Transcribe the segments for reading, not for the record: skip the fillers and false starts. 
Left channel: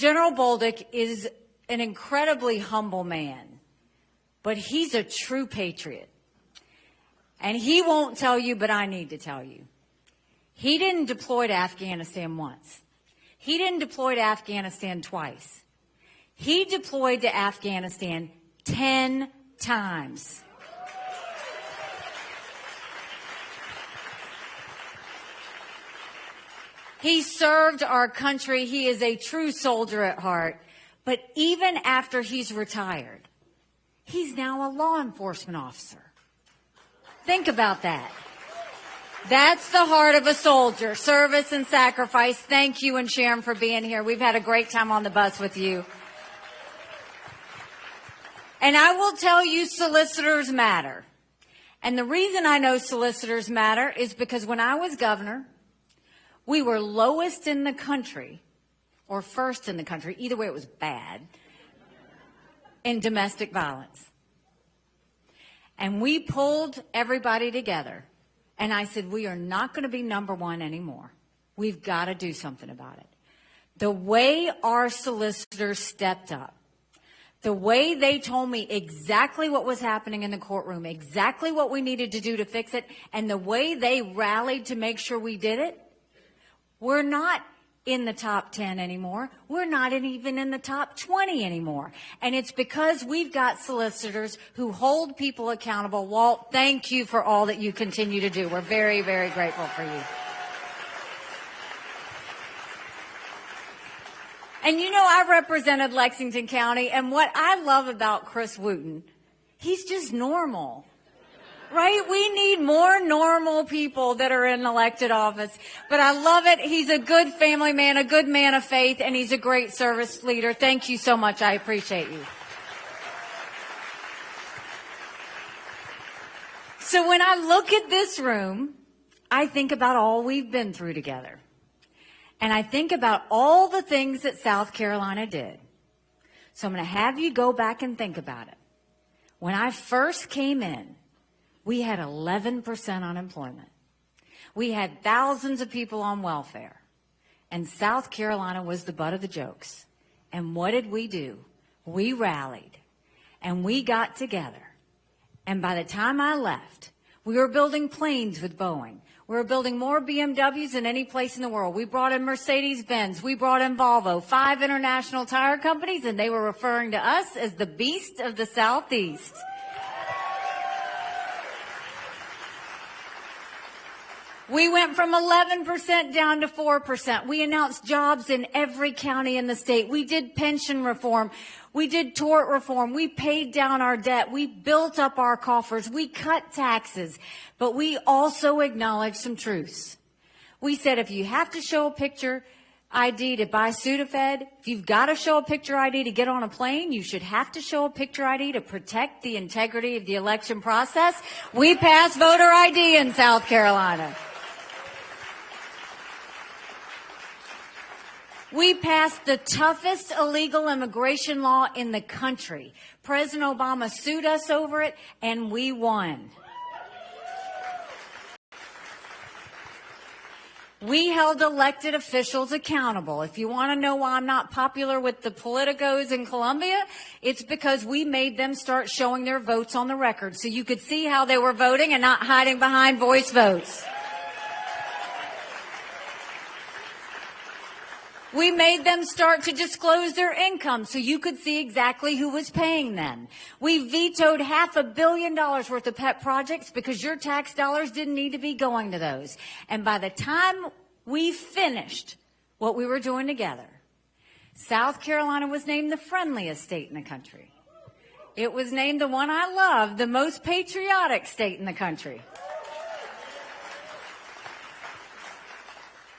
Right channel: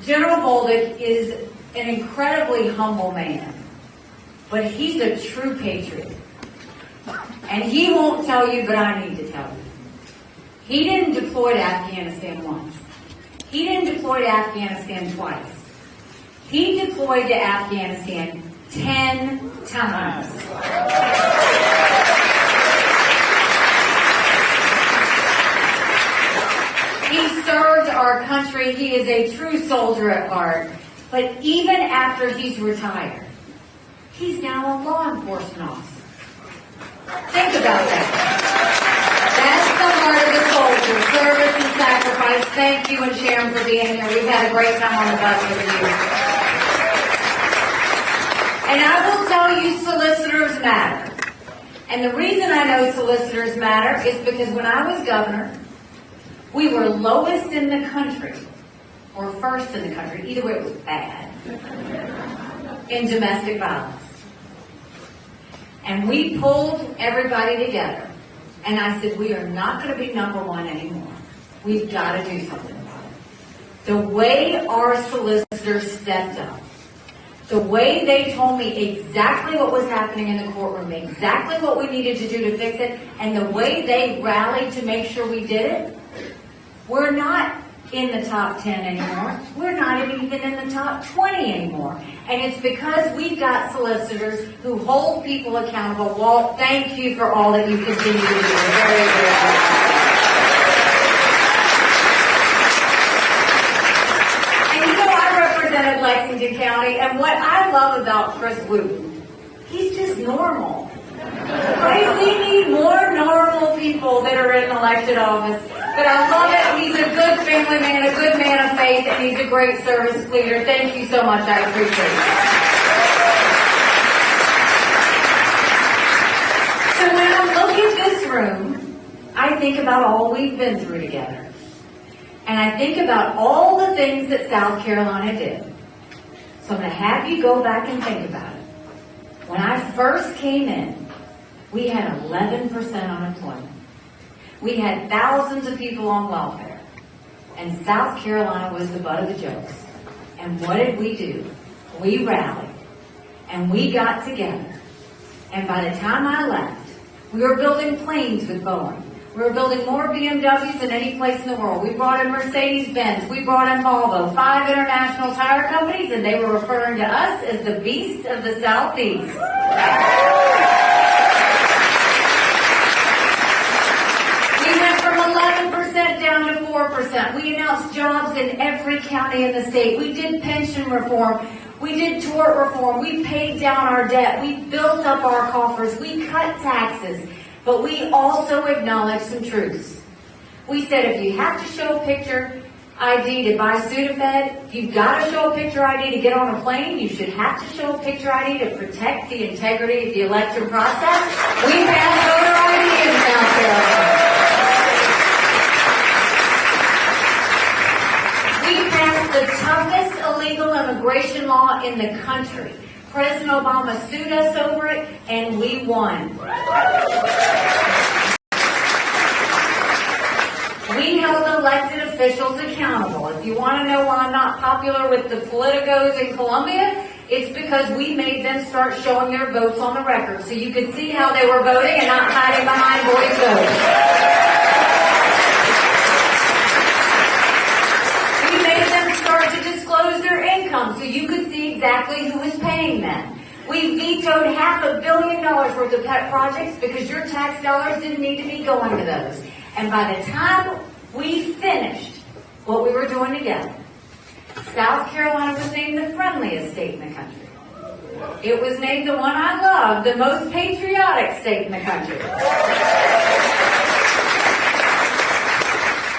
General Bolduc is an incredibly humble man, but he's a true patriot. And he won't tell you, but I need to tell you. He didn't deploy to Afghanistan once. He didn't deploy to Afghanistan twice. He deployed to Afghanistan 10 times. He served our country. He is a true soldier at heart. But even after he's retired, he's now a law enforcement officer. Think about that. That's the heart of the soldier, service and sacrifice. Thank you, and Sharon, for being here. We've had a great time on the bus with you. And I will tell you, solicitors matter. And the reason I know solicitors matter is because when I was governor, we were lowest in the country, or first in the country, either way it was bad, in domestic violence. And we pulled everybody together. And I said, we are not going to be number one anymore. We've got to do something about it. The way our solicitors stepped up, the way they told me exactly what was happening in the courtroom, exactly what we needed to do to fix it, and the way they rallied to make sure we did it, we're not in the top 10 anymore. We're not even in the top 20 anymore. And it's because we've got solicitors who hold people accountable. Walt, thank you for all that you continue to do. Very, very good. And you know, I represented Lexington County, and what I love about Chris Wooten, he's just normal. Right? We need more normal people that are in elected office. But I love it. He's a good family man, a good man of faith, and he's a great service leader. Thank you so much. I appreciate it. So when I look at this room, I think about all we've been through together. And I think about all the things that South Carolina did. So I'm going to have you go back and think about it. When I first came in, we had 11% unemployment. We had thousands of people on welfare. And South Carolina was the butt of the jokes. And what did we do? We rallied. And we got together. And by the time I left, we were building planes with Boeing. We were building more BMWs than any place in the world. We brought in Mercedes-Benz. We brought in Volvo. 5 international tire companies, and they were referring to us as the beast of the Southeast. We went from 11% down to 4%. We announced jobs in every county in the state. We did pension reform. We did tort reform. We paid down our debt. We built up our coffers. We cut taxes. But we also acknowledged some truths. We said if you have to show a picture ID to buy student fed, if you've got to show a picture ID to get on a plane, you should have to show a picture ID to protect the integrity of the election process. We passed voter ID in South Carolina. We passed the toughest illegal immigration law in the country. President Obama sued us over it, and we won. We held elected officials accountable. If you want to know why I'm not popular with the politicos in Columbia, it's because we made them start showing their votes on the record. So you could see how they were voting and not hiding behind voice votes. We made them start to disclose their income so you could see exactly who was paying them. We vetoed $500 million worth of pet projects because your tax dollars didn't need to be going to those. And by the time we finished what we were doing together, South Carolina was named the friendliest state in the country. It was named the one I love, the most patriotic state in the country.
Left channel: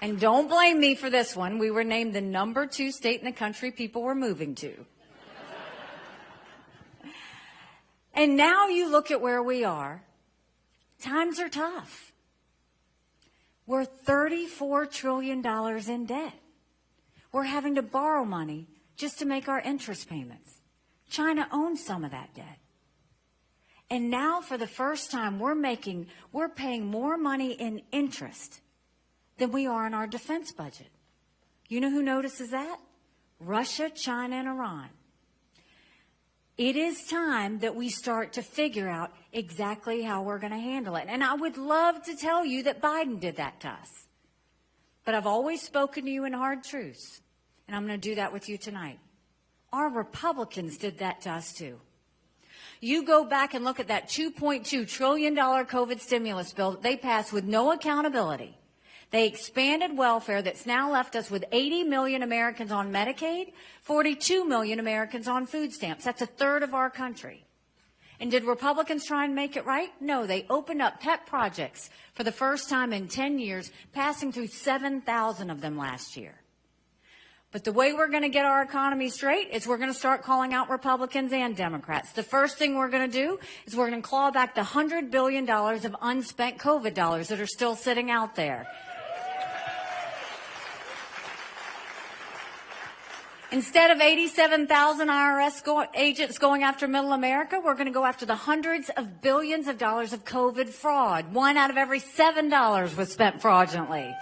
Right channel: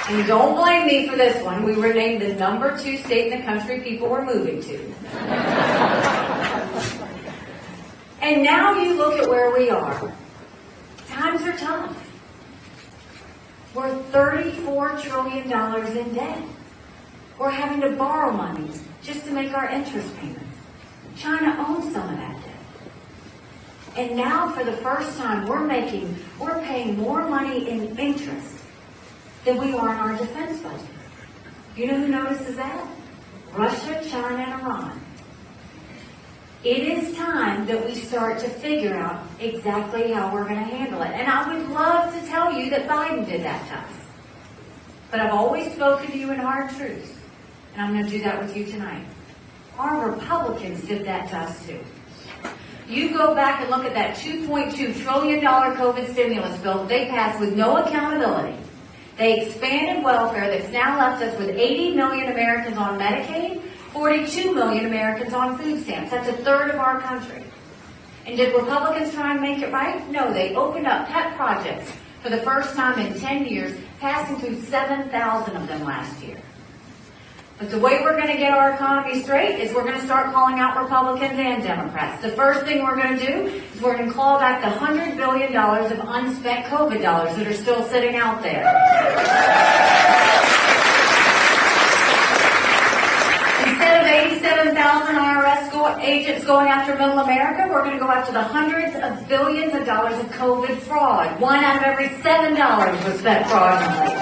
And don't blame me for this one. We were named the number 2 state in the country people were moving to. And now you look at where we are. Times are tough. We're $34 trillion in debt. We're having to borrow money just to make our interest payments. China owns some of that debt. And now, for the first time, we're paying more money in interest than we are on our defense budget. You know who notices that? Russia It is time that we start to figure out exactly how we're going to handle it. And I would love to tell you that Biden did that to us. But I've always spoken to you in hard truths. And I'm going to do that with you tonight. Our Republicans did that to us too. You go back and look at that $2.2 trillion COVID stimulus bill they passed with no accountability. They expanded welfare that's now left us with 80 million Americans on Medicaid, 42 million Americans on food stamps. That's a third of our country. And did Republicans try and make it right? No, they opened up pet projects for the first time in 10 years, passing through 7,000 of them last year. But the way we're going to get our economy straight is we're going to start calling out Republicans and Democrats. So the first thing we're going to do is we're going to claw back the $100 billion of unspent COVID dollars that are still sitting out there. Instead of 87,000 IRS agents going after middle America, we're going to go after the hundreds of billions of dollars of COVID fraud. $1 out of every $7 was spent fraudulently.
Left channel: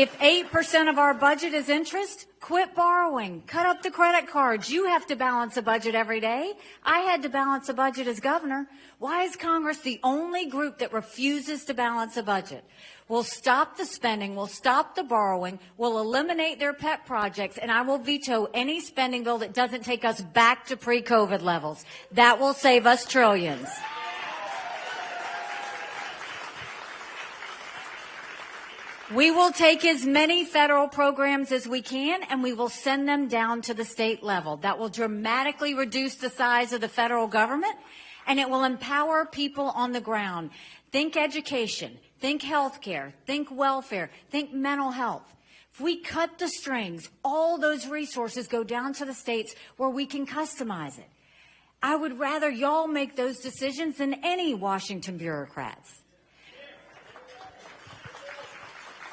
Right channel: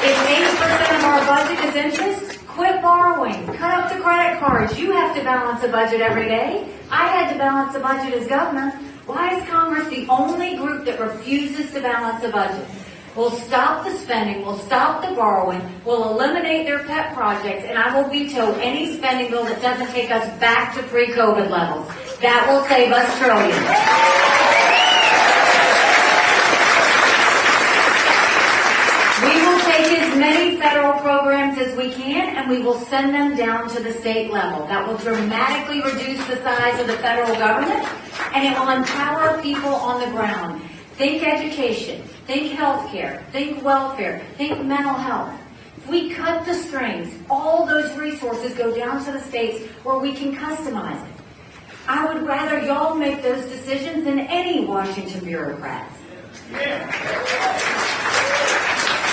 If 8% of our budget is interest, quit borrowing. Cut out the credit cards. You have to balance the budget every day. I had to balance the budget as governor. Why is Congress the only group that refuses to balance the budget? We'll stop the spending, we'll stop the borrowing, we'll eliminate their pet projects, and I will veto any spending bill that doesn't take us back to pre-COVID levels. That will save us trillions. We will take as many federal programs as we can, and we will send them down to the state level. That will dramatically reduce the size of the federal government, and it will empower people on the ground. Think education, think healthcare, think welfare, think mental health. We cut the strings. All those resources go down to the states where we can customize it. I would rather y'all make those decisions than any Washington bureaucrats.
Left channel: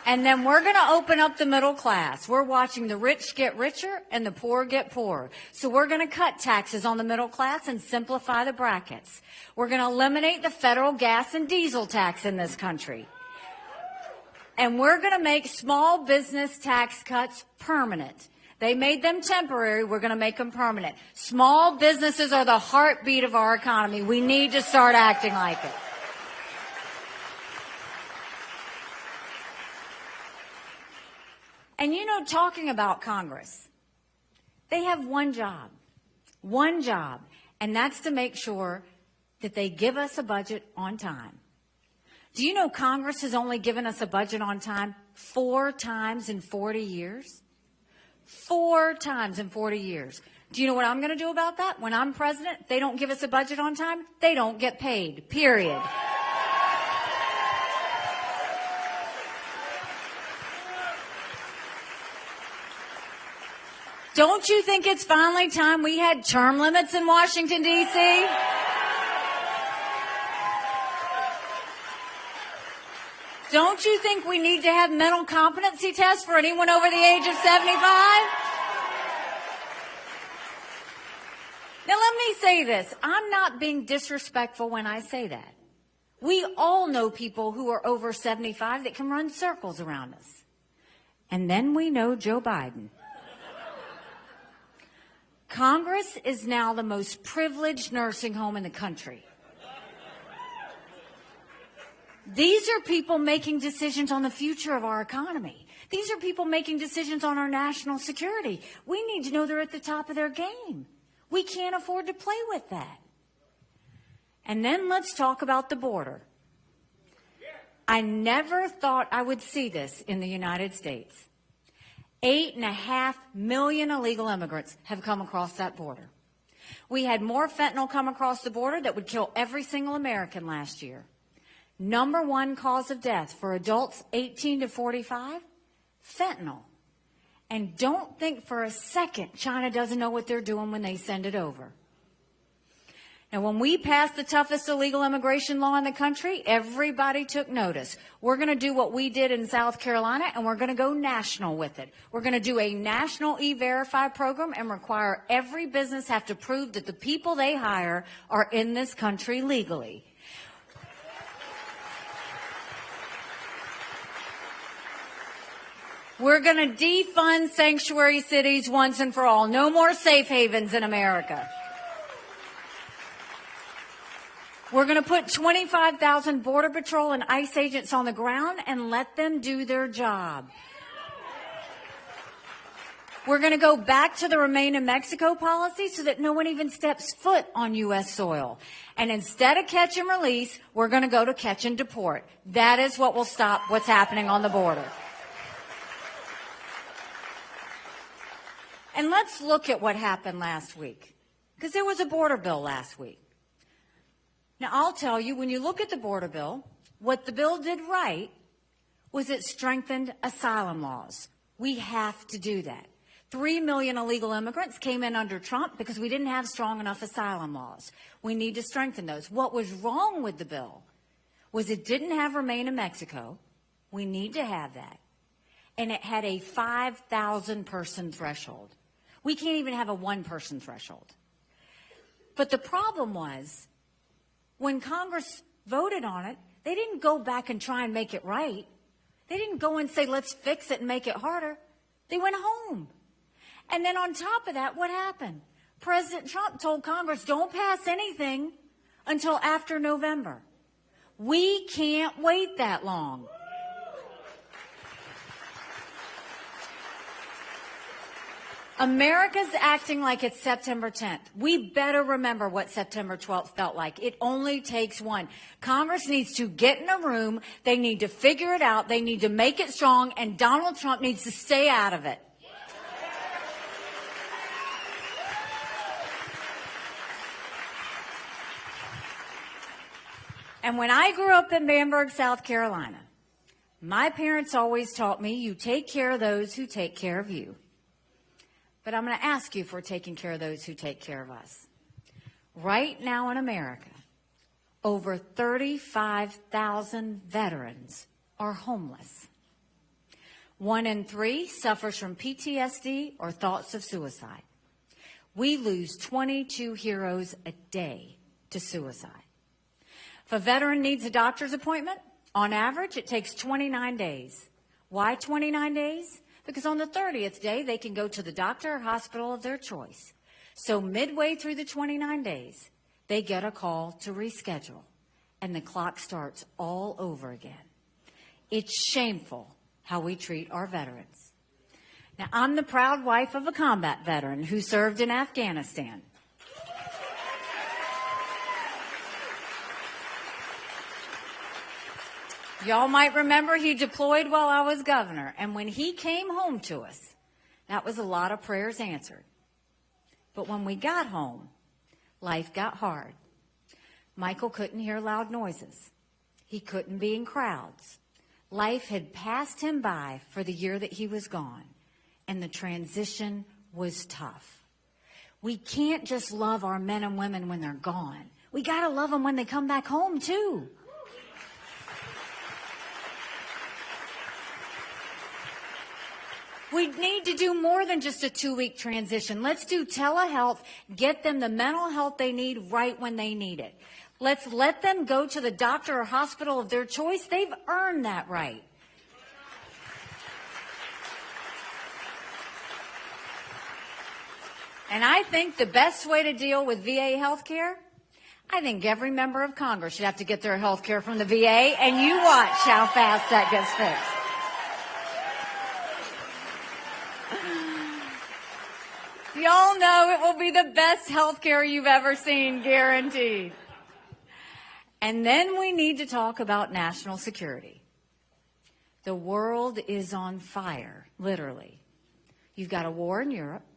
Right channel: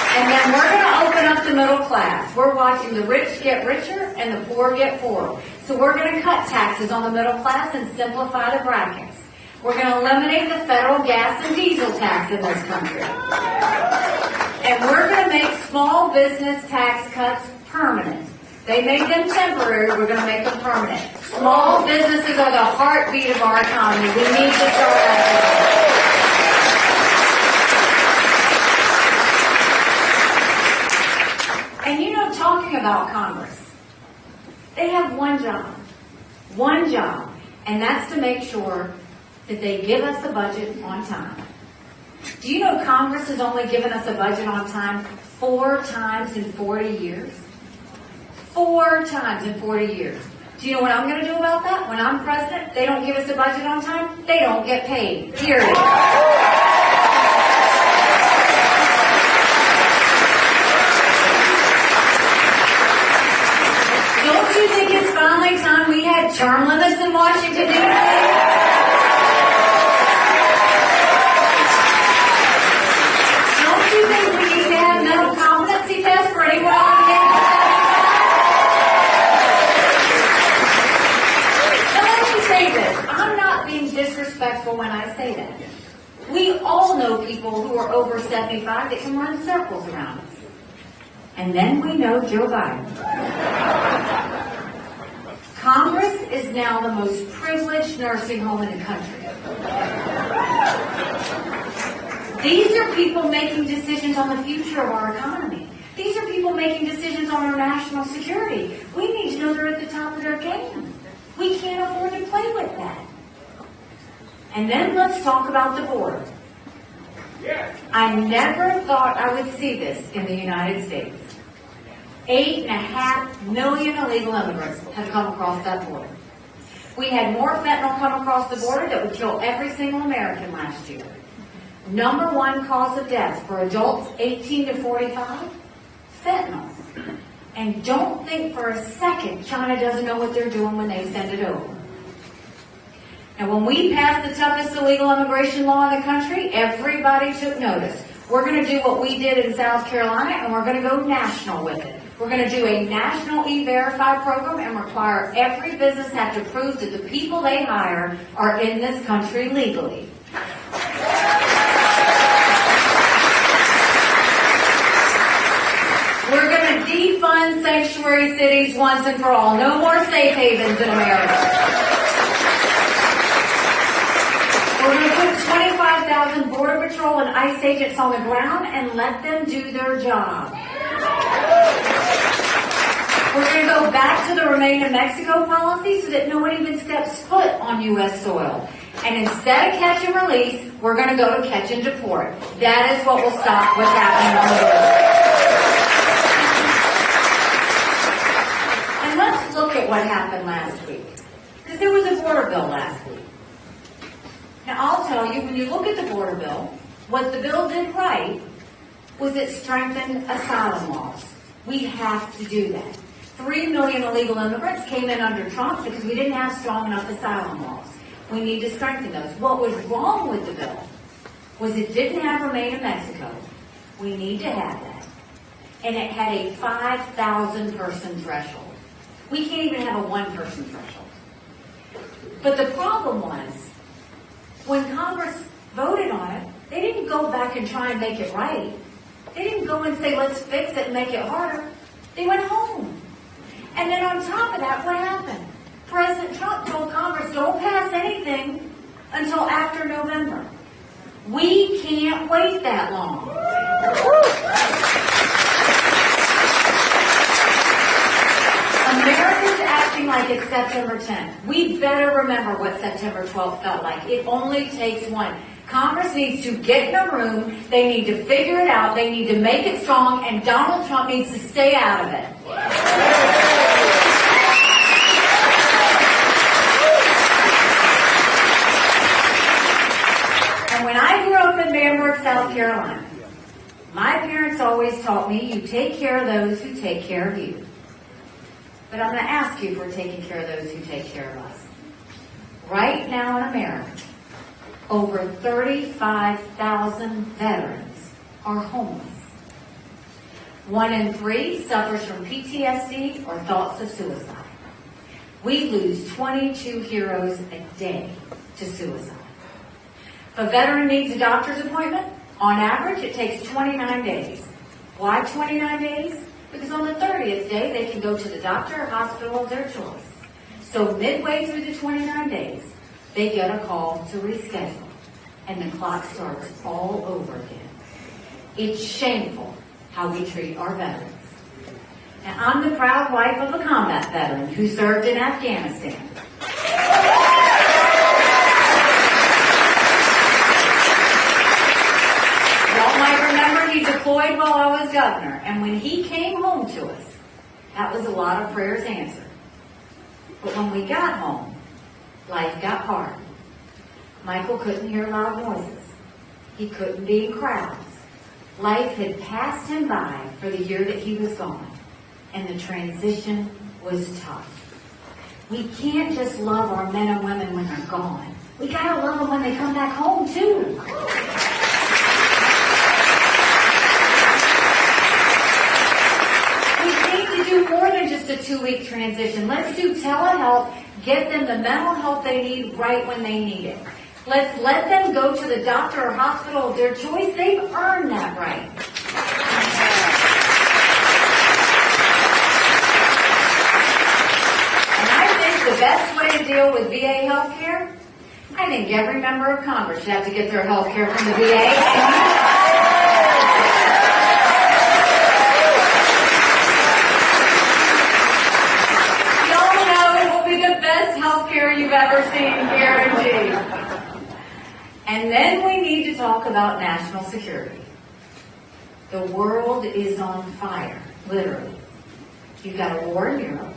And then we're going to open up the middle class. We're watching the rich get richer and the poor get poorer. So we're going to cut taxes on the middle class and simplify the brackets. We're going to eliminate the federal gas and diesel tax in this country. And we're going to make small business tax cuts permanent. They make them temporary, we're going to make them permanent. Small businesses are the heartbeat of our economy. We need to start acting. And you know, talking about Congress, they have one job, and that's to make sure that they give us a budget on time. Do you know Congress has only given us a budget on time 4 times in 40 years? 4 times in 40 years. Do you know what I'm going to do about that? When I'm president, they don't give us a budget on time, they don't get paid. Period. Don't you think it's finally time we had term limits in Washington, D.C.? That can run circles around us. And then we know Joe Biden. Congress is now the most privileged nursing home in the country. These are people making decisions on the future of our economy. These are people making decisions on our national security. We need to know they're at the top of their game. We can't afford to play with that. And then let's talk about the border. I never thought I would see this in the United States. 8.5 million illegal immigrants have come across that border. We had more fentanyl come across the border that would kill every single American last year. Number 1 cause of death for adults 18 to 45, fentanyl. And don't think for a second China doesn't know what they're doing when they send it over. Now, when we passed the toughest illegal immigration law in the country, everybody took notice. We're going to do what we did in South Carolina, and we're going to go national with it. We're going to do a national E-Verify program and require every business has to prove that the people they hire are in this country legally. We're going to defund sanctuary cities once and for all. No more safe havens in America. We're going to put 25,000 Border Patrol and ICE agents on the ground and let them do their job. We're going to go back to the Remain in Mexico policy so that no one even steps foot on U.S. soil. And instead of catch and release, we're going to go to catch and deport. That is what will stop what's happening on the border. And let's look at what happened last week. Because there was a border bill last week. Now, I'll tell you, when you look at the border bill, what the bill did right was it strengthened asylum laws. We have to do that. 3 million illegal immigrants came in under Trump because we didn't have strong enough asylum laws. We need to strengthen those. What was wrong with the bill was it didn't have Remain in Mexico. We need to have that. And it had a 5,000 person threshold. We can't even have a 1 person threshold. But the problem was, when Congress voted on it, they didn't go back and try to make it right. They didn't go in and say, let's fix it and make it harder. They went home. And then on top of that, what happened? President Trump told Congress, don't pass anything until after November. We can't wait that long. America's acting like it's September 10th. We better remember what September 12th felt like. It only takes one. Congress needs to get in a room. They need to figure it out. They need to make it strong. And Donald Trump needs to stay out of it. South Carolina. My parents always taught me, you take care of those who take care of you. But I'm going to ask you if we're taking care of those who take care of us. Right now in America, over 35,000 veterans are homeless. 1 in 3 suffers from PTSD or thoughts of suicide. We lose 22 heroes a day to suicide. If a veteran needs a doctor's appointment, on average, it takes 29 days. Why 29 days? Because on the 30th day, they can go to the doctor or hospital of their choice. So midway through the 29 days, they get a call to reschedule, and the clock starts all over again. It's shameful how we treat our veterans. Now, I'm the proud wife of a combat veteran who served in Afghanistan. Deployed while I was governor, and when he came home to us, that was a lot of prayers answered. But when we got home, life got hard. Michael couldn't hear loud noises. He couldn't be in crowds. Life had passed him by for the year that he was gone, and the transition was tough. We can't just love our men and women when they're gone. We gotta love them when they come back home too. A 2-week transition. Let's do telehealth, get them the mental health they need right when they need it. Let's let them go to the doctor or hospital of their choice. They've earned that right. And I think the best way to deal with VA health care, I think every member of Congress should have to get their health care from the VA, and you are. And then we need to talk about national security. The world is on fire, literally. You've got a war in Europe.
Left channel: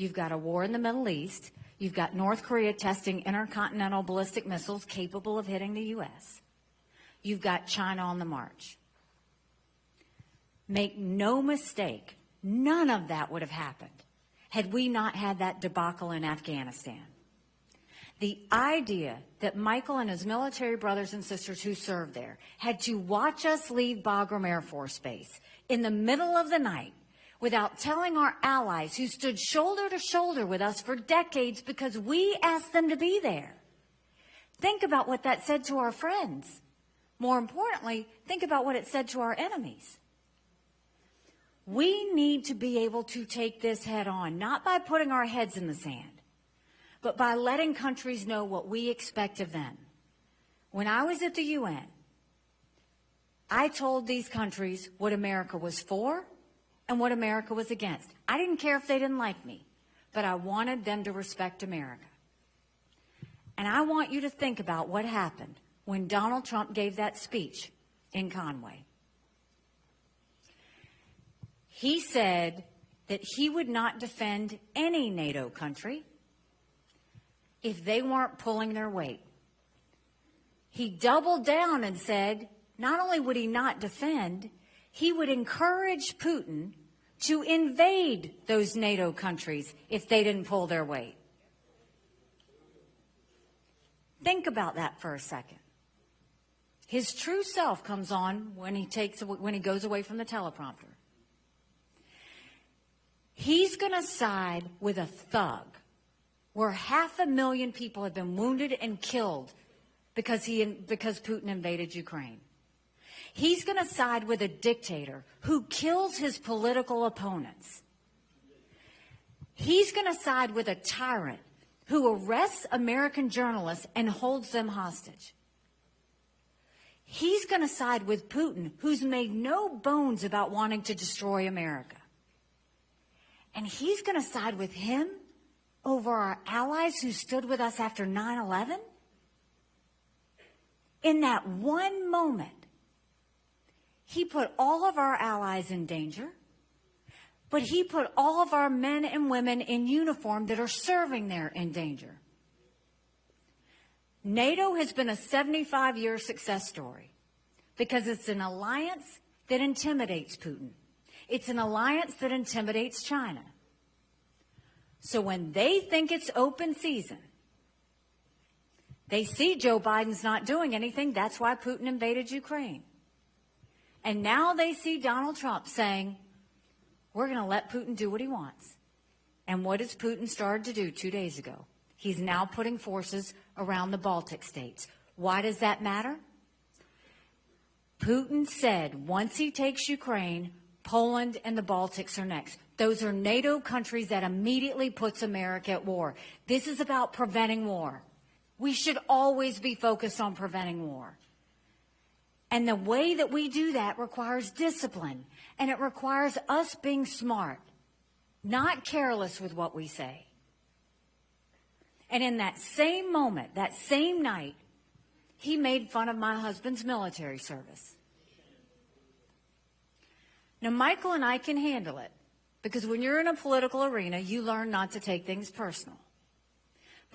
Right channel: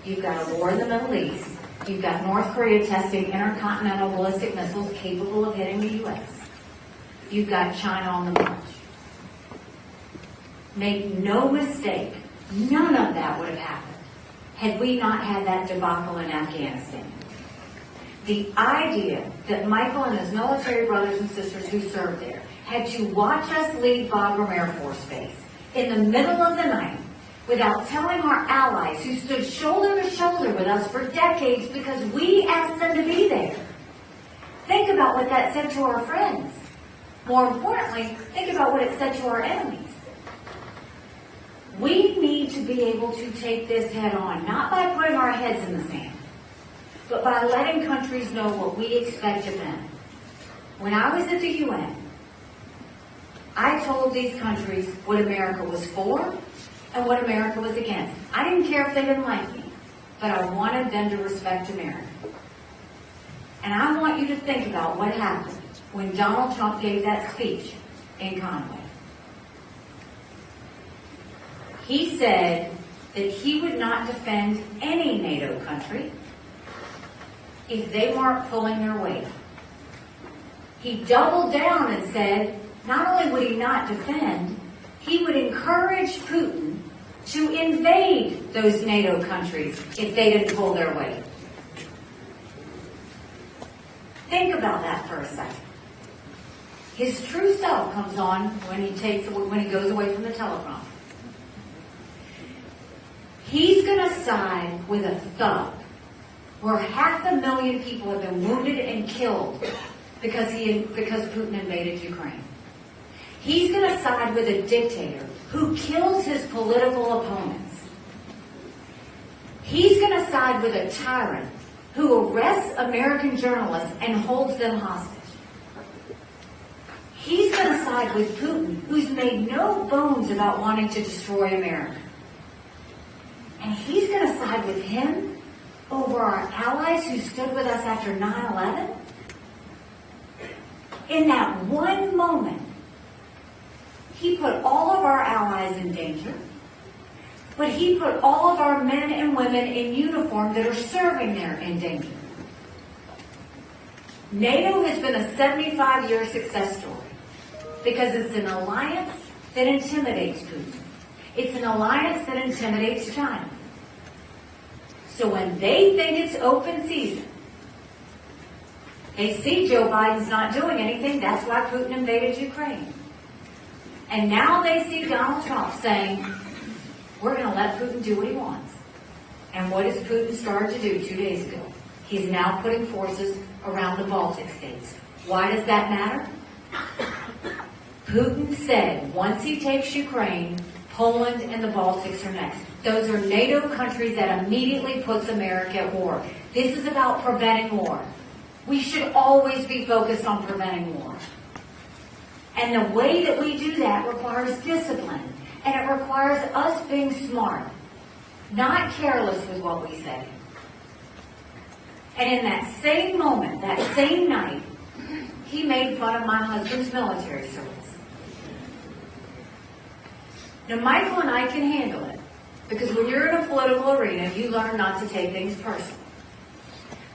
You've got a war in the Middle East. You've got North Korea testing intercontinental ballistic missiles capable of hitting the U.S. You've got China on the march. Make no mistake, none of that would have happened had we not had that debacle in Afghanistan. The idea that Michael and his military brothers and sisters who served there had to watch us leave Bagram Air Force Base in the middle of the night without telling our allies who stood shoulder to shoulder with us for decades because we asked them to be there. Think about what that said to our friends. More importantly, think about what it said to our enemies. We need to be able to take this head on, respect of them. When I was at the UN, I told these countries what America was for and what America was against. I didn't care if they didn't like me, but I wanted them to respect America. And I want you to think about what happened when Donald Trump gave that speech in Conway. He said that he would not defend any NATO country if they weren't pulling their weight. He doubled down and said not only would he not defend, he would encourage Putin to invade those NATO countries if they didn't pull their weight. Think about that for a second. His true self comes on when he goes away from the telephone. He's going to side with a thug where 500,000 people have been wounded and killed because Putin invaded Ukraine. He's going to side with a dictator who kills his political opponents. He's going to side with a tyrant who arrests American journalists and holds them hostage. He's going to side with Putin, who's made no bones about wanting to destroy America. And he's going to side with him over our allies who stood with us after 9/11. In that one moment, he put all of our allies in danger, but he put all of our men and women in uniform that are serving there in danger. NATO has been a 75-year success story because it's an alliance that intimidates Putin. It's an alliance that intimidates China. So when they think it's open season, they see Joe Biden's not doing anything. That's why Putin invaded Ukraine. And now they see Donald Trump saying, we're going to let Putin do what he wants. And what has Putin started to do 2 days ago? He's now putting forces around the Baltic states. Why does that matter? Putin said once he takes Ukraine, Poland and the Baltics are next. Those are NATO countries that immediately puts America at war. This is about preventing war. We should always be focused on preventing war. And the way that we do that requires discipline. And it requires us being smart, not careless with what we say. And in that same moment, that same night, he made fun of my husband's military service. Now, Michael and I can handle it, because we're in a political arena if you learn not to take things personal.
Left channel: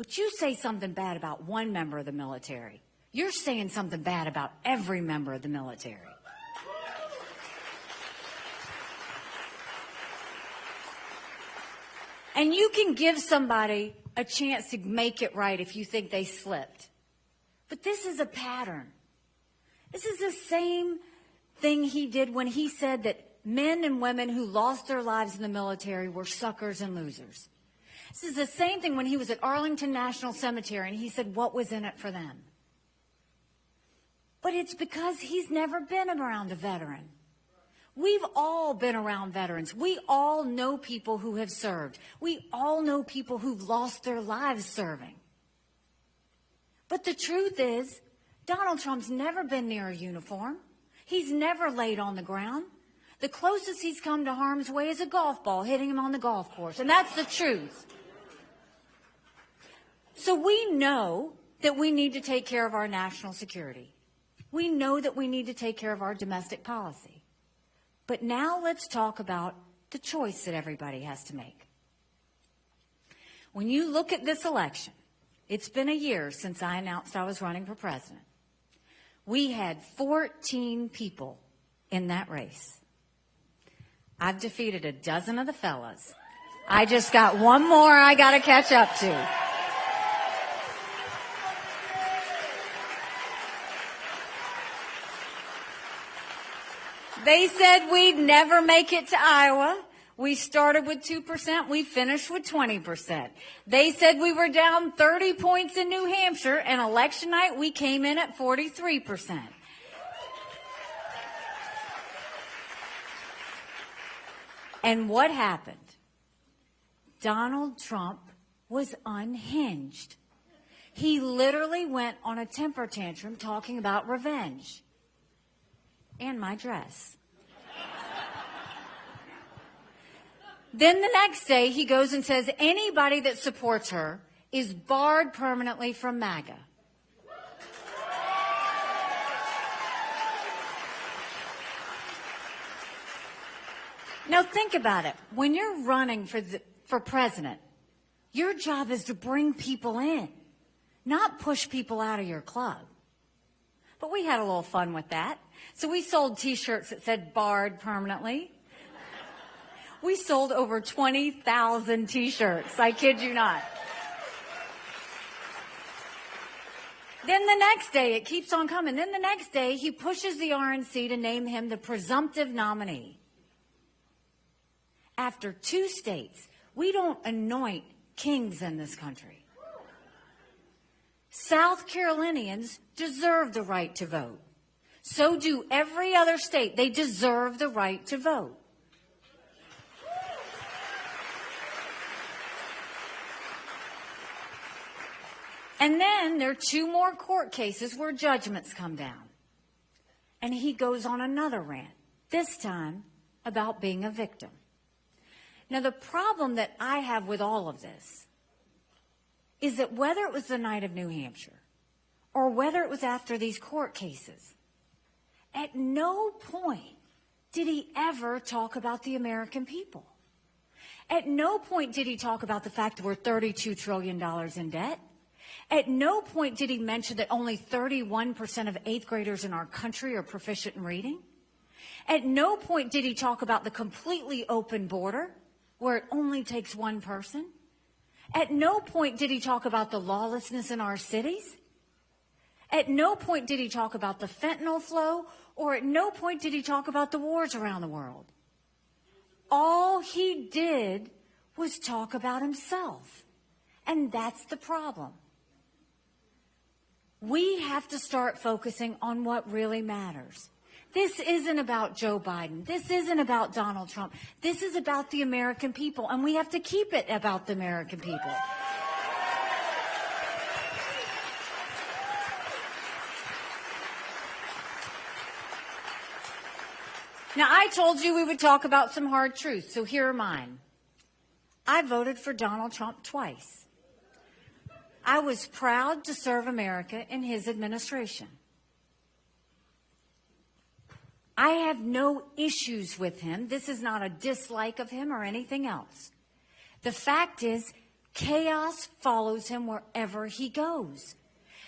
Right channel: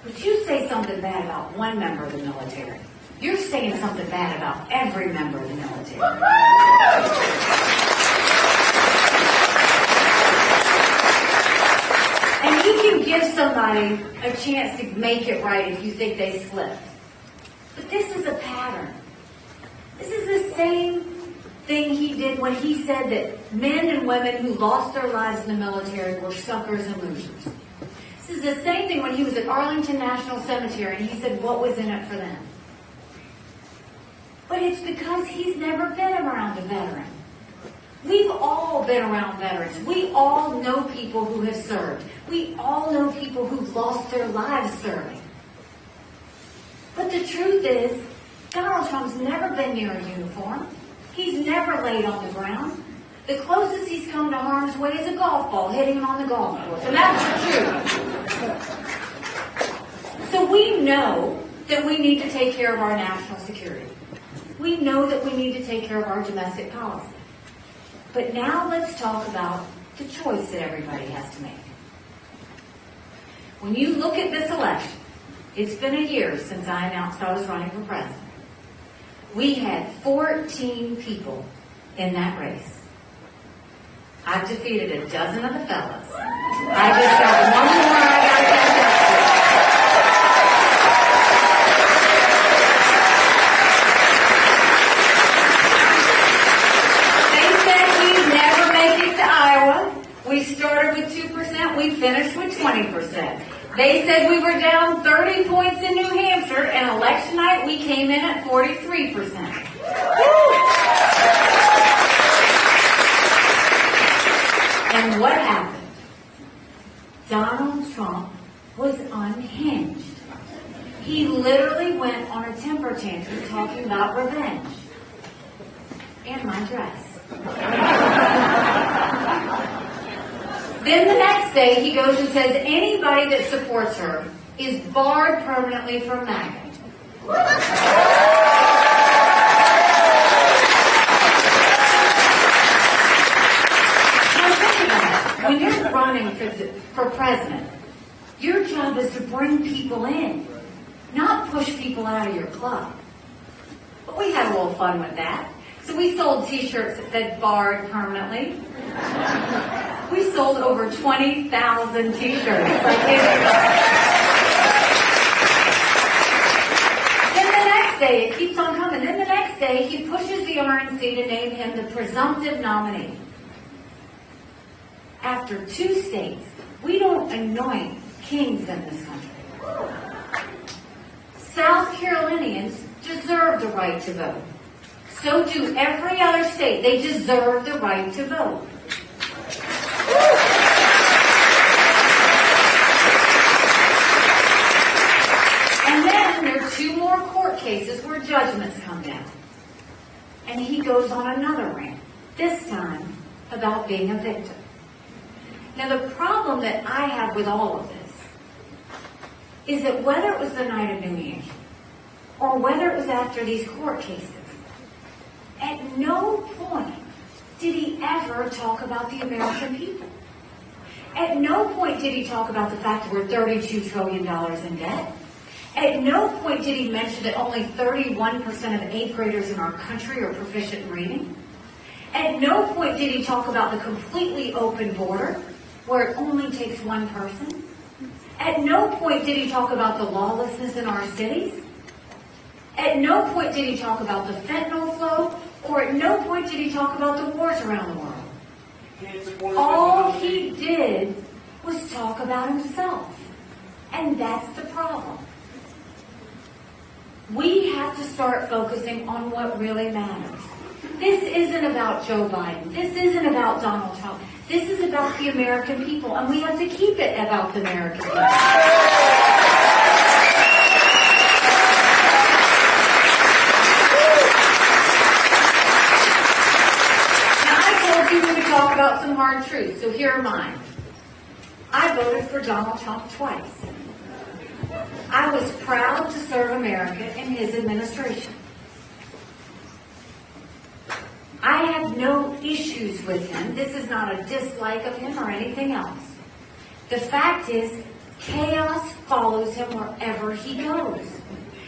But you say something bad about one member of the military, you're saying something bad about every member of the military. And you can give somebody a chance to make it right if you think they slipped. But this is a pattern. This is the same thing he did when he said that men and women who lost their lives in the military were suckers and losers. This is the same thing when he was at Arlington National Cemetery and he said, what was in it for them? But it's because he's never been around a veteran. We've all been around veterans. We all know people who have served. We all know people who lost their lives serving. But the truth is, Donald Trump's never been near a uniform. He's never laid on the ground. The closest he's come to harm's way is a golf ball hitting on the golf course. And that's the truth. So we know that we need to take care of our national security. We know that we need to take care of our domestic policy. But now let's talk about the choice that everybody has to make. When you look at this election, it's been a year since I announced I was running for president. We had 14 people in that race. I've defeated a dozen of the fellas. I just got one more I got to catch up to. We started with 2%, we finished with 20%. They said we were down 30 points in New Hampshire, and election night we came in at 43%. And what happened? Donald Trump was unhinged. He literally went on a temper tantrum talking about revenge. And my dress. Then the next day, he goes and says anybody that supports her is barred permanently from MAGA. When you're running for president, your job is to bring people in, not push people out of your club. But we had a little fun with that. So we sold t-shirts that said barred permanently. We sold over 20,000 t-shirts. Then the next day, it keeps on coming. Then the next day, he pushes the RNC to name him the presumptive nominee. After 2 states, we don't anoint kings in this country. South Carolinians deserve the right to vote. So do every other state. They deserve the right to vote. And then there are 2 more court cases where judgments come down. And he goes on another rant, this time about being a victim. Now, the problem that I have with all of this is that whether it was the night of New Year's or whether it was after these court cases, at no point did he ever talk about the American people. At no point did he talk about the fact we're $32 trillion in debt. At no point did he mention that only 31% of 8th graders in our country are proficient in reading. At no point did he talk about the completely open border, where it only takes one person. At no point did he talk about the lawlessness in our cities. At no point did he talk about the fentanyl flow, or at no point did he talk about the wars around the world. All he did was talk about himself. And that's the problem. We have to start focusing on what really matters. This isn't about Joe Biden. This isn't about Donald Trump. This is about the American people, and we have to keep it about the American people. Now, I told you to talk about some hard truths, so here are mine. I voted for Donald Trump twice. I was proud to serve America in his administration. I have no issues with him. This is not a dislike of him or anything else. The fact is, chaos follows him wherever he goes.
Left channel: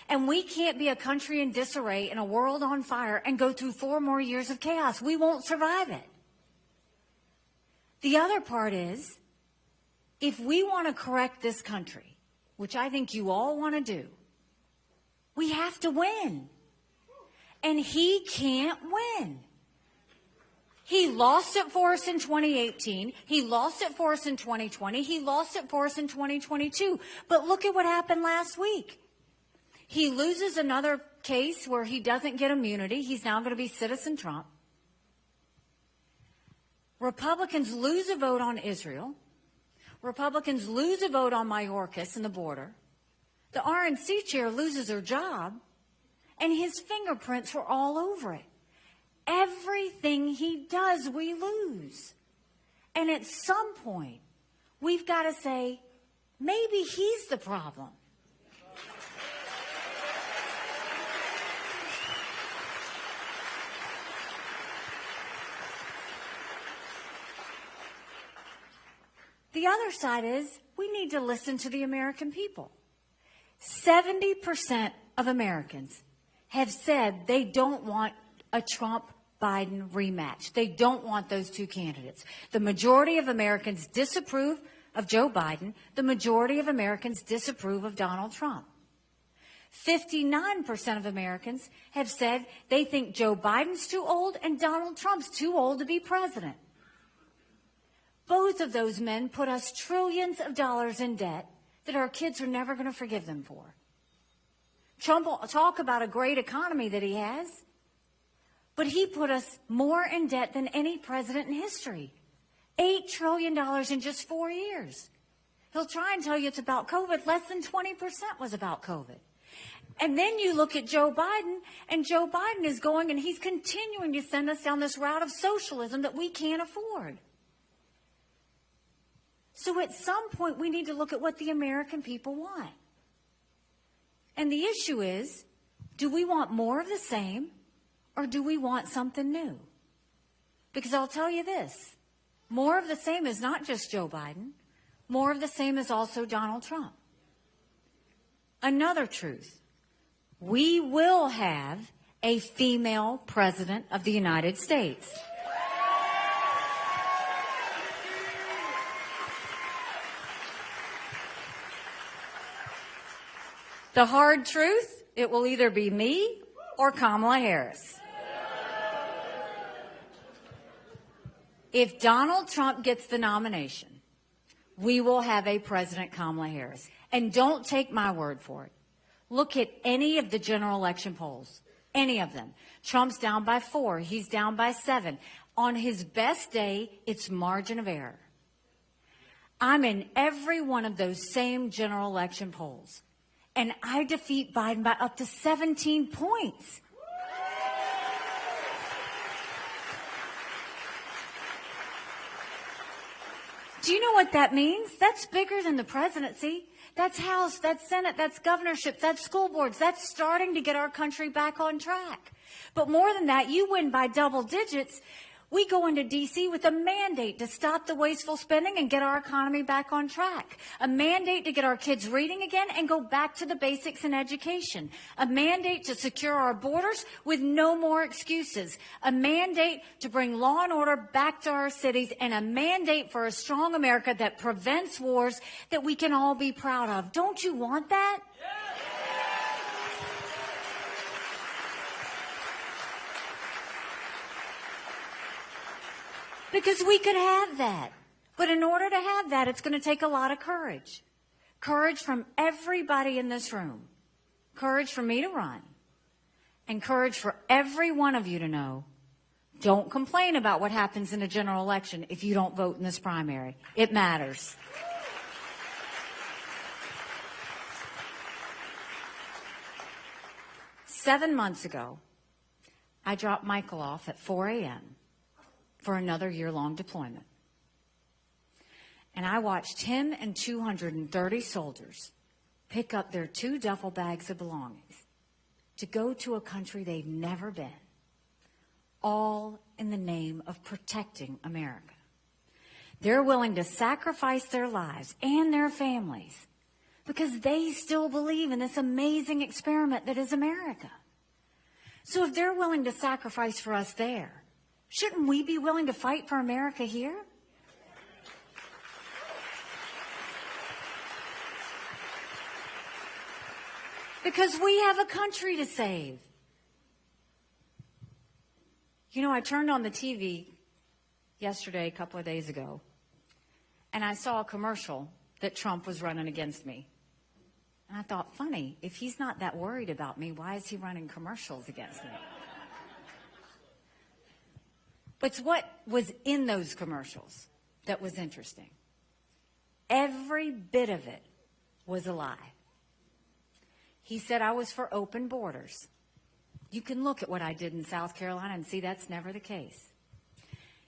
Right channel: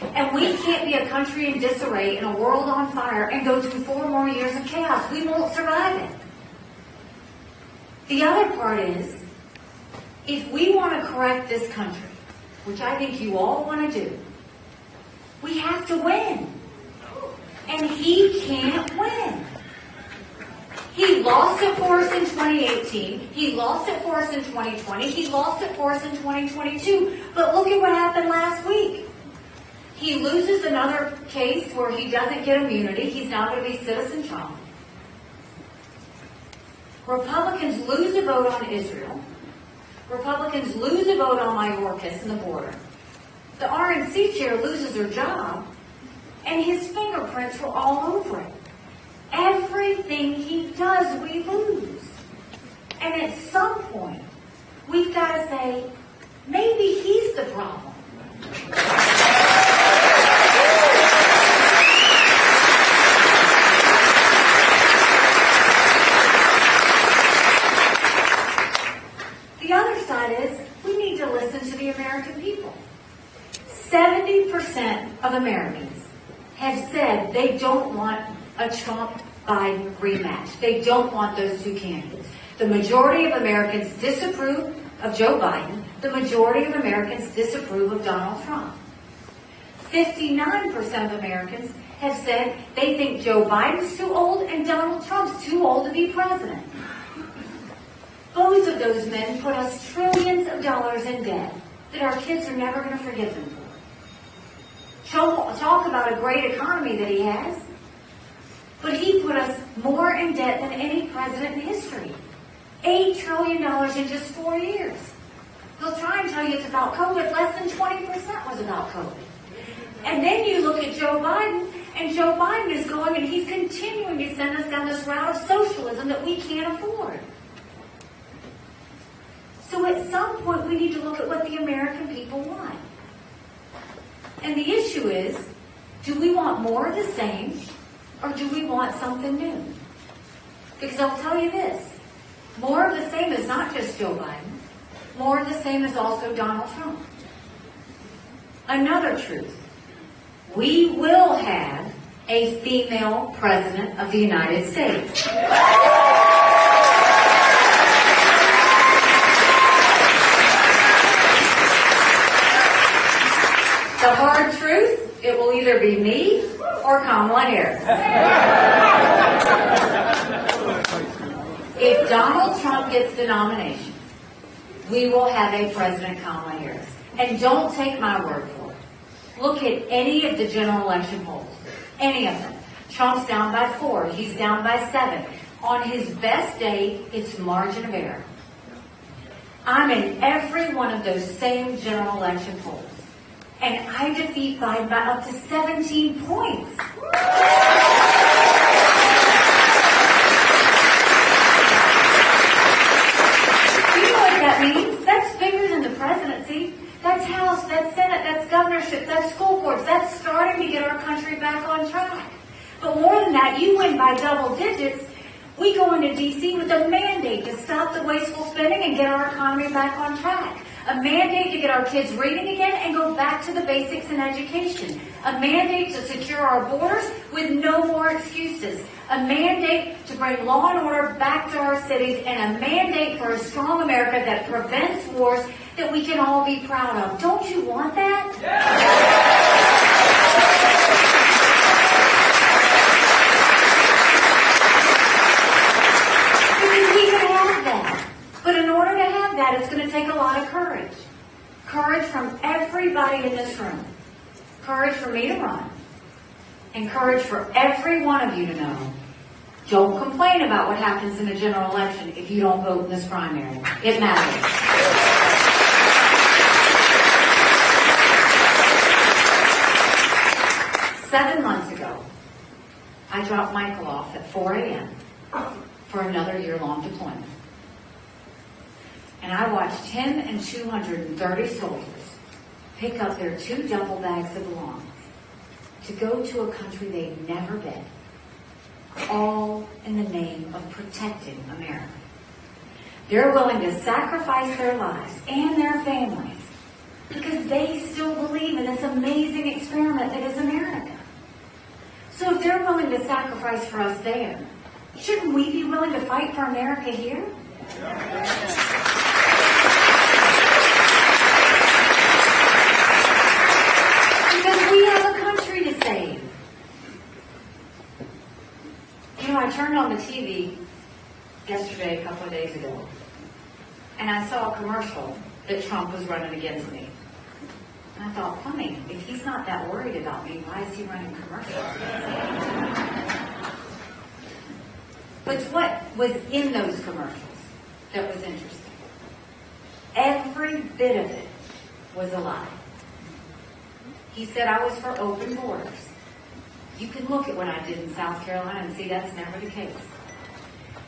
And we can't get a country in disarray and a world on fire and go through 4 more years of chaos. We won't survive it. The other part is, if we want to correct this country, which I think you all want to do, we have to win. And he can't win. He lost it for us in 2018. He lost it for us in 2020. He lost it for us in 2022. But look at what happened last week. He loses another case where he doesn't get immunity. He's now going to be Citizen Trump. Republicans lose a vote on Israel. Republicans lose a vote on Mayorkas and the border. The RNC chair loses her job. And his fingerprints are all over it. Everything he does, we lose. And at some point, we've got to say, maybe he's the problem. The other side is, we need to listen to the American people. 70% of Americans have said they don't want a Trump-Biden rematch. They don't want those 2 candidates. The majority of Americans disapprove of Joe Biden. The majority of Americans disapprove of Donald Trump. 59% of Americans have said they think Joe Biden's too old and Donald Trump's too old to be president. Both of those men put us trillions of dollars in debt that our kids are never going to forgive them for. Talk about a great economy that he has. But he put us more in debt than any president in history. $8 trillion in just 4 years. They'll try and tell you it's about COVID. Less than 20% was about COVID. So at some point, we need to look at what the American people want. And the issue is, do we want more of the same, or do we want something new? Because I'll tell you this, more of the same is not just Joe Biden. More of the same is also Donald Trump. Another truth, we will have a female president of the United States. The hard truth, it will either be me or Kamala Harris. If Donald Trump gets the nomination, we will have a President Kamala Harris. And don't take my word for it. Look at any of the general election polls. Any of them. Trump's down by 4. He's down by 7. On his best day, it's margin of error. I'm in every one of those same general election polls. And I defeat by about up to 17 points. You know what that means? That's bigger than the presidency. That's House, that's Senate, that's governorship, that's school boards. That's starting to get our country back on track. But more than that, you win by double digits. We go into D.C. with a mandate to stop the wasteful spending and get our economy back on track. A mandate to get our kids reading again and go back to the basics in education. A mandate to secure our borders with no more excuses. A mandate to bring law and order back to our cities, and a mandate for a strong America that prevents wars that we can all be proud of. Don't you want that? We can have that. But in order to have that, it's going to take a lot of courage. Courage from everybody in this room. Courage for me to run. And courage for every one of you to know. Don't complain about what happens in the general election if you don't vote in this primary. It matters. 7 months ago, I dropped Michael off at 4 a.m. for another year-long deployment. And I watched him and 230 soldiers pick up their 2 duffel bags of belongings to go to a country they'd never been, all in the name of protecting America. They're willing to sacrifice their lives and their families because they still believe in this amazing experiment that is America. So if they're willing to sacrifice for us there, shouldn't we be willing to fight for America here? Because we have a country to save. You know, I turned on the TV yesterday, a couple of days ago, and I saw a commercial that Trump was running against me. And I thought, funny, if he's not that worried about me, why is he running commercials? But it's what was in those commercials that was interesting. Every bit of it was a lie. He said I was for open borders. You can look at what I did in South Carolina and see that's never the case.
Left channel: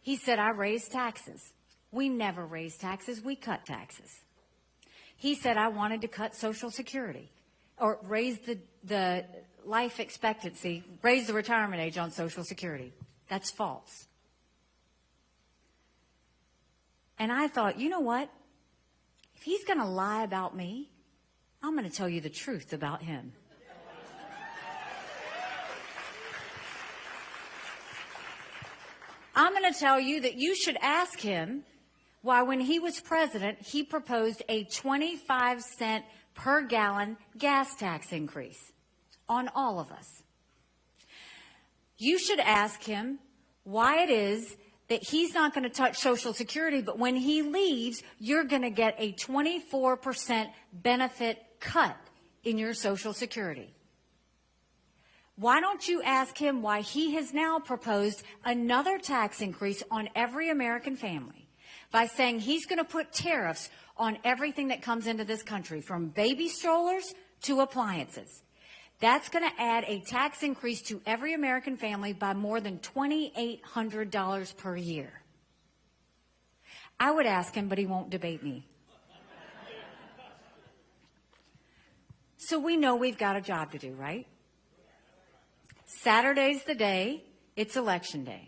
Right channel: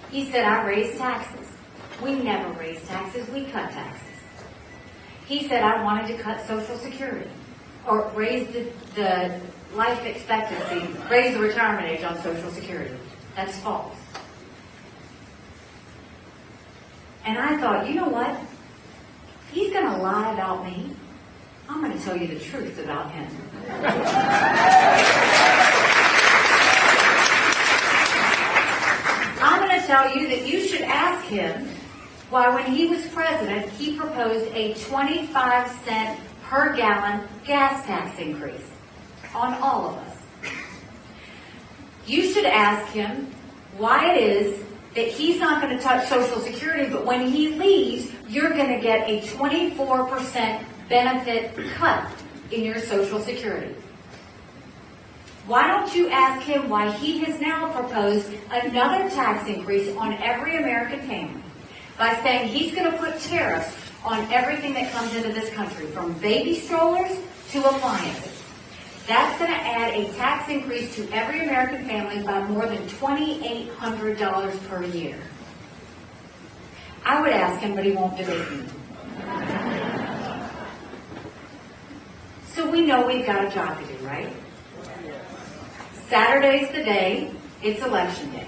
He said I raised taxes. We never raised taxes, we cut taxes. He said I wanted to cut Social Security, or raise the life expectancy, raise the retirement age on Social Security. That's false. And I thought, you know what? He's going to lie about me. I'm going to tell you the truth about him. I'm going to tell you that you should ask him why, when he was president, he proposed a 25-cent per gallon gas tax increase on all of us. You should ask him why it is that he's not going to touch Social Security, but when he leaves, you're going to get a 24% benefit cut in your Social Security. Why don't you ask him why he has now proposed another tax increase on every American family by saying he's going to put tariffs on everything that comes into this country, from baby strollers to appliances. That's going to add a tax increase to every American family by more than $2,800 per year. I would ask him, but he won't do it. So we know we've got a job to do, right? Saturday's the day. It's election day.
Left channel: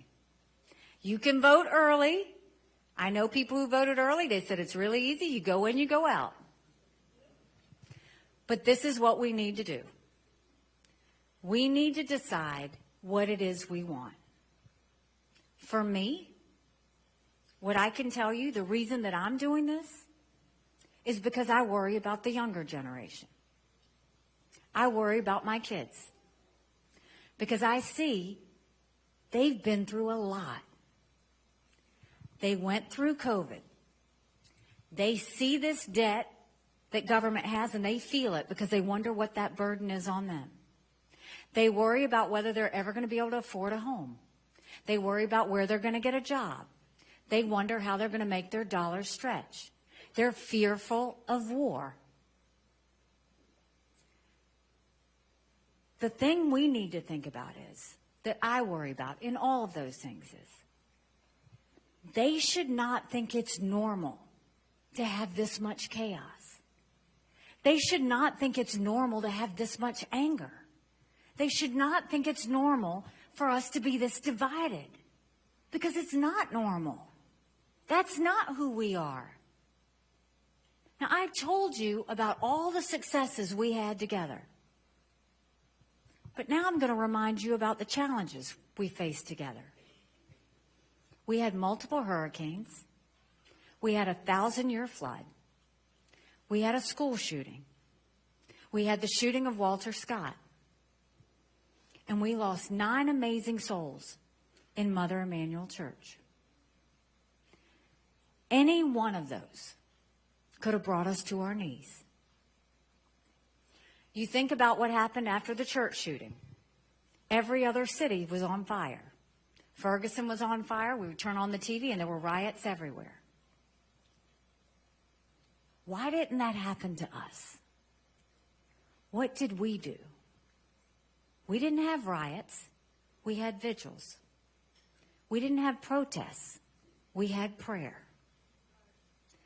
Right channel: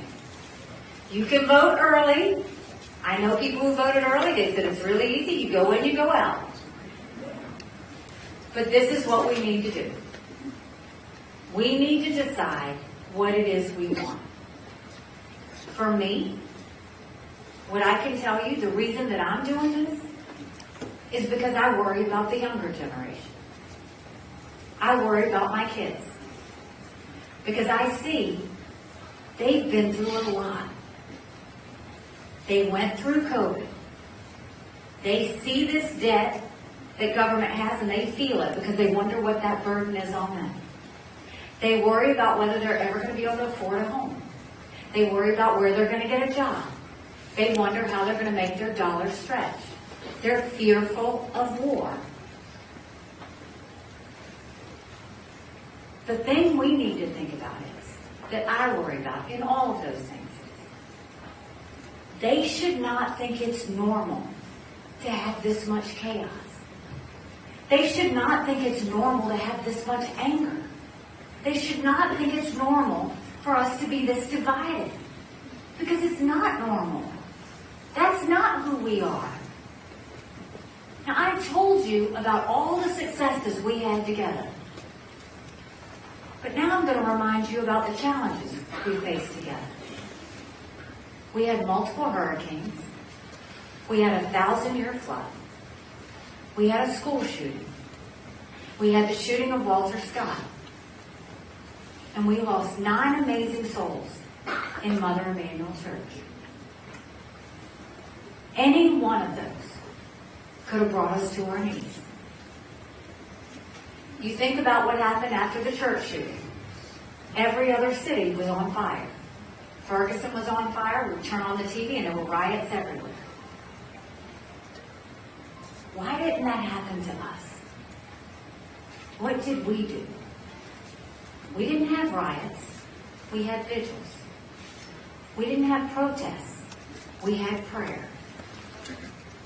You can vote early. I know people who voted early. They said it's really easy. You go in, you go out. But this is what we need to do. We need to decide what it is we want. For me, what I can tell you, the reason that I'm doing this is because I worry about the younger generation. I worry about my kids. Because I see they've been through a lot. They went through COVID. They see this debt that government has and they feel it because they wonder what that burden is on them. They worry about whether they're ever going to be able to afford a home. They worry about where they're going to get a job. They wonder how they're going to make their dollars stretch. They're fearful of war. The thing we need to think about is, that I worry about in all of those things, they should not think it's normal to have this much chaos. They should not think it's normal to have this much anger. They should not think it's normal for us to be this divided. Because it's not normal. That's not who we are. Now, I told you about all the successes we had together. But now I'm going to remind you about the challenges we faced together. We had multiple hurricanes. We had a 1,000-year flood. We had a school shooting. We had the shooting of Walter Scott. And we lost 9 amazing souls in Mother Emanuel Church. Any one of those could have brought us to our knees. You think about what happened after the church shooting. Every other city was on fire. Ferguson was on fire. We turned on the TV and there were riots everywhere. Why didn't that happen to us? What did we do? We didn't have riots. We had vigils. We didn't have protests. We had prayer.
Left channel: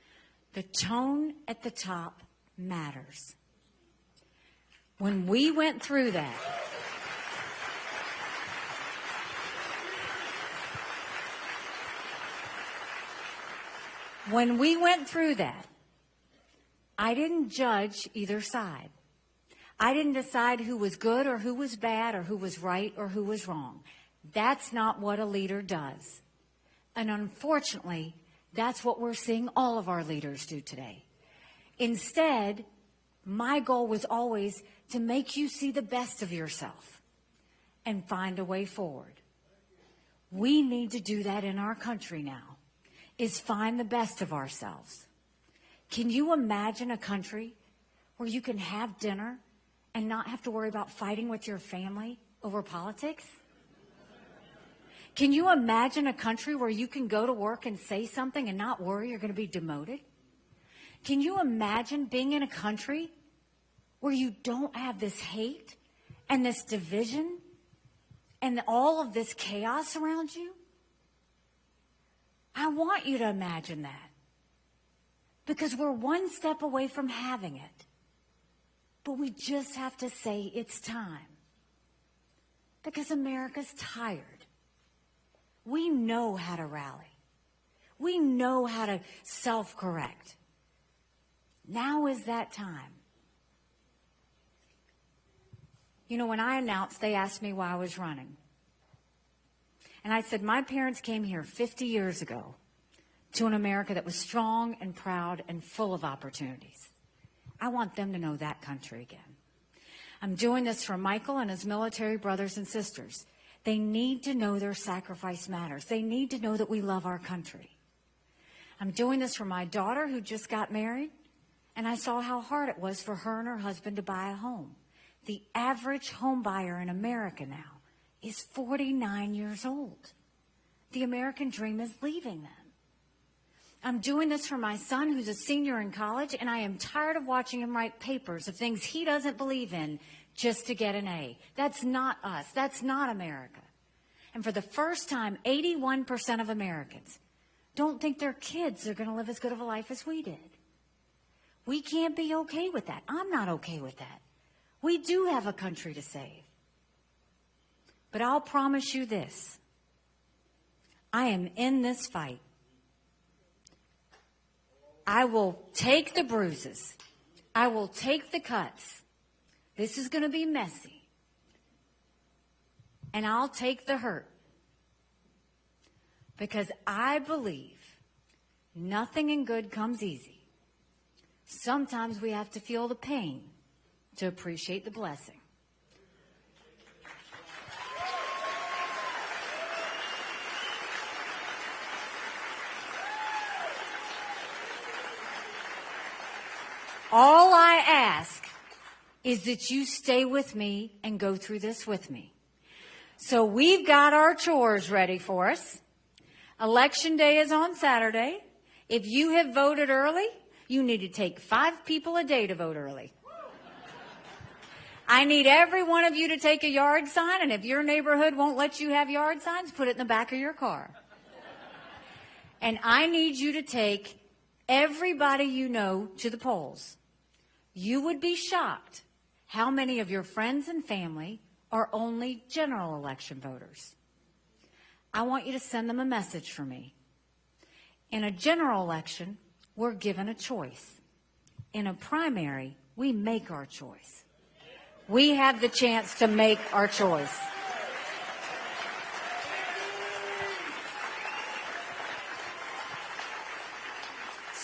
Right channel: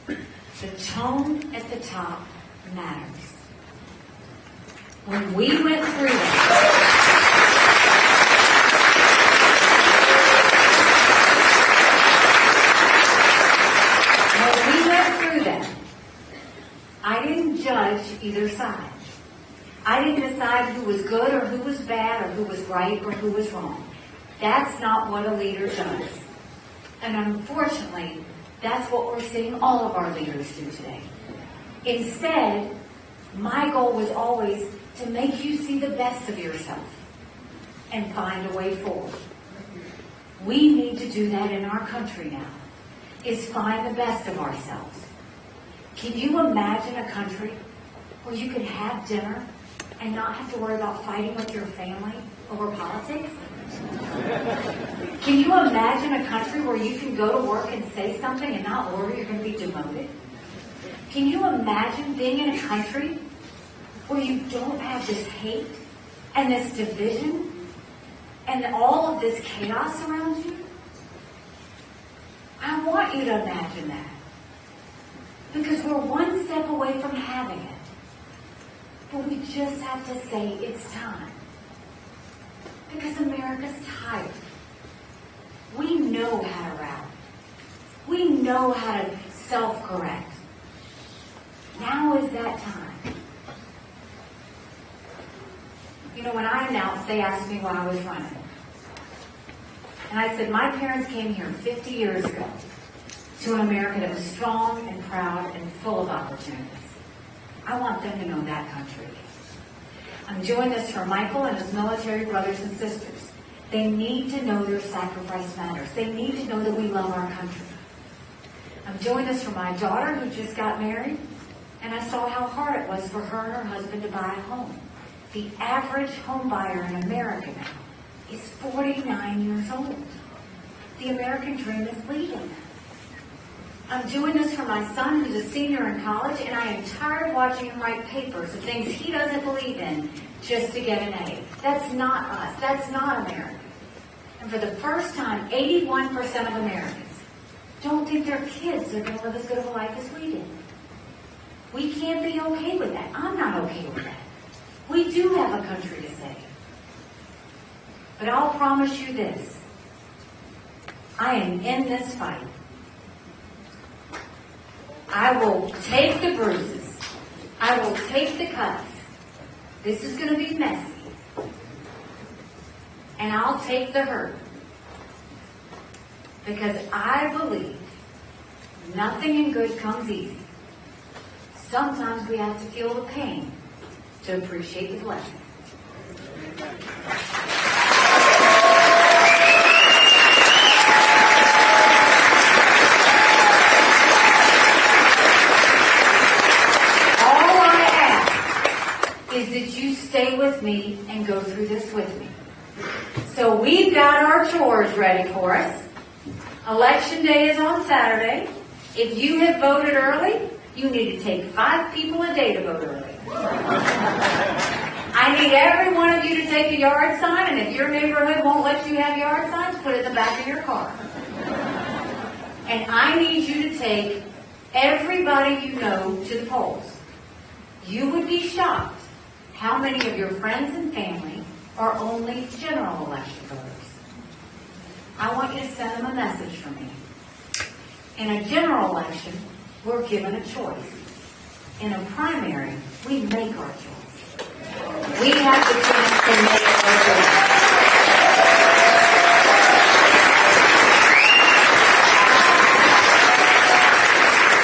The tone at the top matters. When we went through that, I didn't judge either side. I didn't decide who was good or who was bad or who was right or who was wrong. That's not what a leader does. And unfortunately, that's what we're seeing all of our leaders do today. Instead, my goal was always to make you see the best of yourself and find a way forward. We need to do that in our country now, is find the best of ourselves. Can you imagine a country where you can have dinner and not have to worry about fighting with your family over politics? Can you imagine a country where you can go to work and say something and not worry you're going to be demoted? Can you imagine being in a country where you don't have this hate and this division and all of this chaos around you? I want you to imagine that. Because we're one step away from having it. But we just have to say it's time. Because America's tired. We know how to rally. We know how to self-correct. Now is that time. You know, when I announced, they asked me why I was running. And I said, my parents came here 50 years ago to an America that is strong and proud and full of opportunities. I want them to know that country. I'm doing this for Michael and his military brothers and sisters. They need to know their sacrifice matters. They need to know that we love our country. I'm doing this for my daughter who just got married, and I saw how hard it was for her and her husband to buy a home. The average home buyer in America now is 49 years old. The American dream is leaving. I'm doing this for my son who's a senior in college, and I am tired of watching him write papers of things he doesn't believe in just to get an A. That's not us. That's not America. And for the first time, 81% of Americans don't think there are kids that are going to live as good a life as we did. We can't be okay with that. I'm not okay with that. We do have a country to save. But I'll promise you this. I am in this fight. I will take the bruises. I will take the cuts. This is going to be messy. And I'll take the hurt. Because I believe nothing good comes easy. Sometimes we have to feel the pain to appreciate the blessing. All I ask is that you stay with me and go through this with me. So we've got our chores ready for us. Election day is on Saturday. If you have voted early, you need to take 5 people a day to vote early. I need every one of you to take a yard sign, and if your neighborhood won't let you have yard signs, put it in the back of your car. And I need you to take everybody you know to the polls. You would be shocked how many of your friends and family are only general election voters. I want you to send them a message from me. In a general election, we're given a choice. In a primary, we make our choice. We have the chance to make our choice.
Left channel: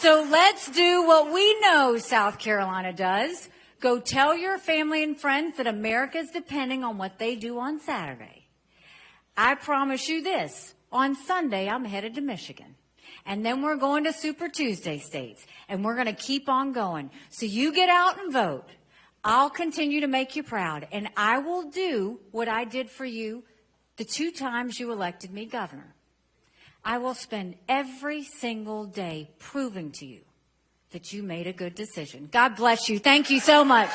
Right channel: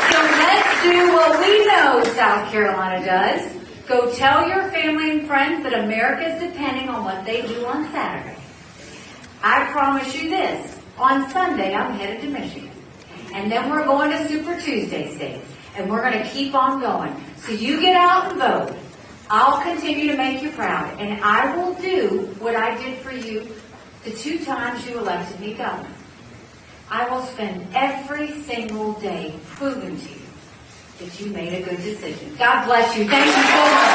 So let's do what we know South Carolina does. Go tell your family and friends that America is depending on what they do on Saturday. I promise you this. On Sunday, I'm headed to Michigan. And then we're going to Super Tuesday states. And we're going to keep on going. So you get out and vote. I'll continue to make you proud. And I will do what I did for you the 2 times you elected me governor. I will spend every single day proving to you that you made a good decision. God bless you. Thank you so much.